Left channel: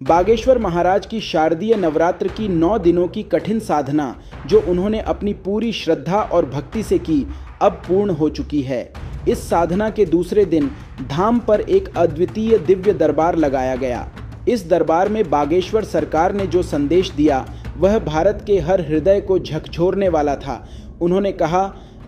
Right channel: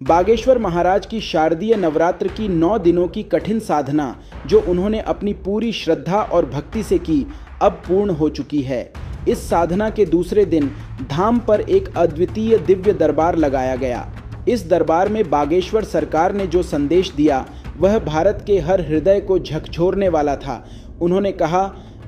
बागेश्वर महाराज की शारदीय नवरात्र की 9 दिनों की कठिन साधना जो उन्होंने अपनी पूरी श्रद्धा और भक्ति से की, अब पूर्ण हो चुकी है। इस साधना के दूसरे दिन धाम पर एक अद्वितीय दिव्य दरबार लगाया गया। इस दरबार में बागेश्वर सरकार ने जो संदेश दिया वह भारत के हर हृदय को झकझोरने वाला था। उन्होंने कहा,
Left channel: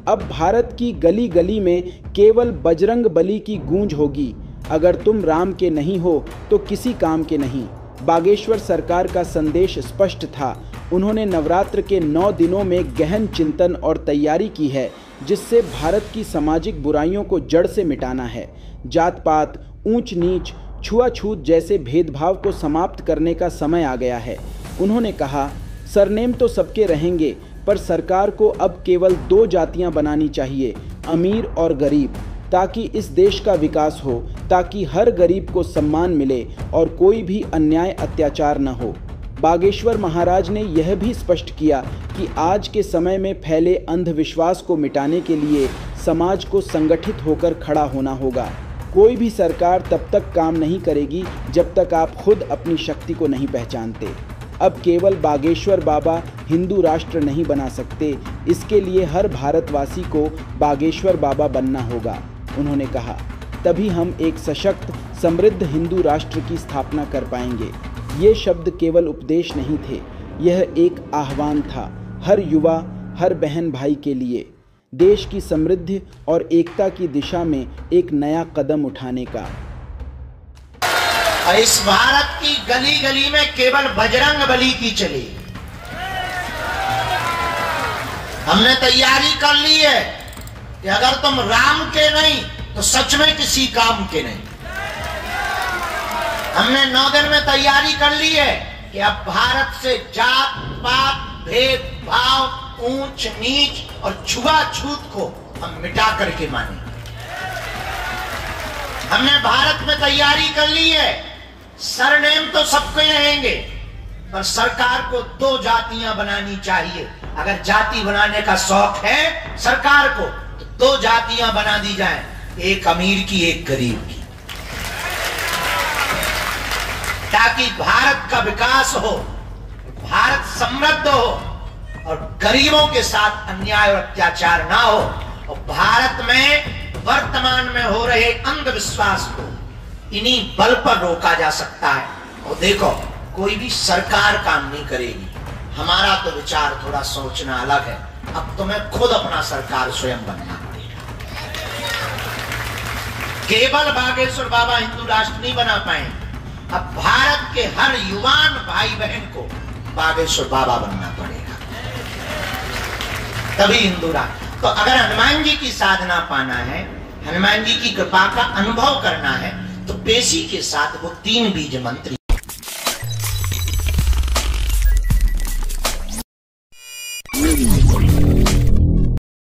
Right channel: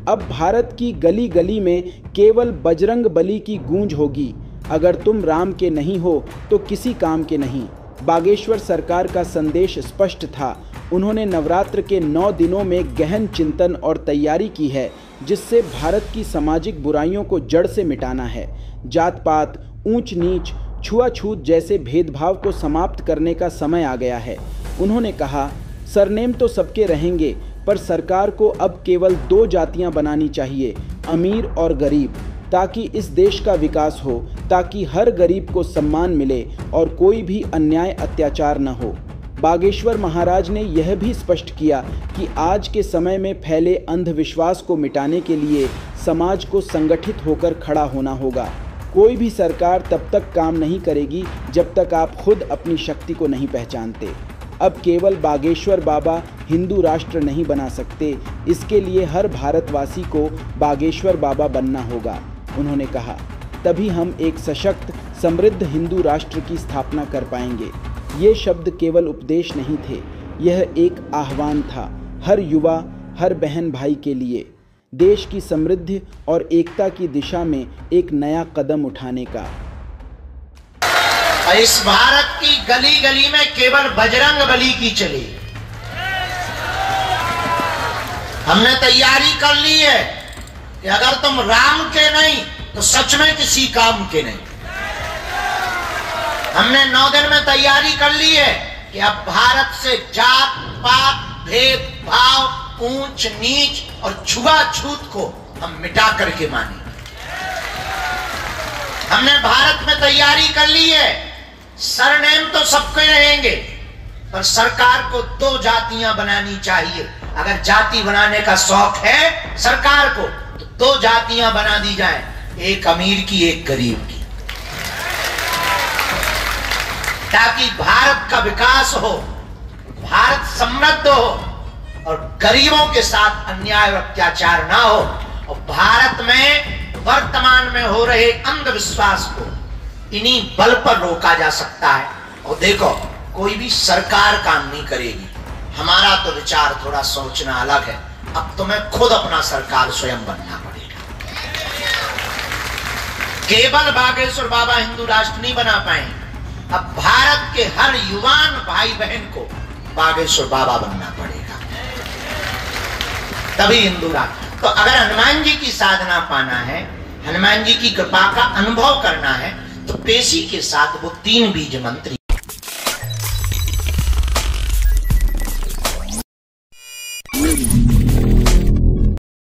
अब भारत की गली गली में केवल बजरंग बली की गूंज होगी। अगर तुम राम के नहीं हो तो किसी काम के नहीं। बागेश्वर सरकार का संदेश स्पष्ट था। उन्होंने नवरात्र के 9 दिनों में गहन चिंतन और तैयारी की है, जिससे भारत की सामाजिक बुराइयों को जड़ से मिटाना है। जात पात, ऊंच नीच, छुआछूत जैसे भेदभाव को समाप्त करने का समय आ गया है। उन्होंने कहा, सरनेम तो सबके रहेंगे, पर सरकार को अब केवल 2 जातियां बनानी चाहिए, अमीर और गरीब, ताकि इस देश का विकास हो, ताकि हर गरीब को सम्मान मिले और कोई भी अन्याय अत्याचार न हो। बागेश्वर महाराज ने यह भी स्पष्ट किया कि आज के समय में फैले अंधविश्वास को मिटाने के लिए समाज को संगठित होकर खड़ा होना होगा। कोई भी सरकार तब तक काम नहीं करेगी जब तक आप खुद अपनी शक्ति को नहीं पहचानते। अब केवल बागेश्वर बाबा हिंदू राष्ट्र नहीं बना सकते, इसके लिए हर भारतवासी को बागेश्वर बाबा बनना होगा। उन्होंने कहा, तभी हम एक सशक्त, समृद्ध हिंदू राष्ट्र की स्थापना कर पाएंगे। ये शब्द केवल उपदेश नहीं थे, यह एक आह्वान था हर युवा, हर बहन भाई के लिए, देश की समृद्धि और एकता की दिशा में एक नया कदम उठाने का। इस भारत की गली गली में केवल बजरंग बली की चली। हमने तैयारी कर ली है कि अगर तुम राम के नहीं तो सच में किसी काम के नहीं। हमने 9 दिन में तैयारी कर ली है कि अब भारत से जात पात, भेदभाव, ऊंच नीच और छुआछूत को हम मिटा करके मानेंगे। हमने भारत में तैयारी कर ली है, सरनेम तो सबके रहेंगे, पर सरकार को 2 जातियां बनानी चाहिए। अगर जाति बनाने का शौक है सरकार को तो 2 जातियां बना दी जाएं, एक अमीर की, एक गरीब की, ताकि भारत का विकास हो, भारत समृद्ध हो और गरीबों के साथ अन्याय और अत्याचार ना हो। और भारत में वर्तमान में हो रहे अंधविश्वास को इन्हीं बल पर रोका जा सकता है। और देखो, कोई भी सरकार काम नहीं करेगी। हमारा तो विचार थोड़ा सोचना अलग है। अब तुम्हें खुद अपना सरकार स्वयं बनना पड़ेगा। केवल बागेश्वर बाबा हिंदू राष्ट्र नहीं बना पाएंगे। अब भारत के हर युवान भाई बहन को बागेश्वर बाबा बनना पड़ेगा, तभी हिंदू राष्ट्र। तो अगर हनुमान जी की साधना पाना है, हनुमान जी की कृपा का अनुभव करना है, तो पेशी के साथ वो 3 बीज मंत्र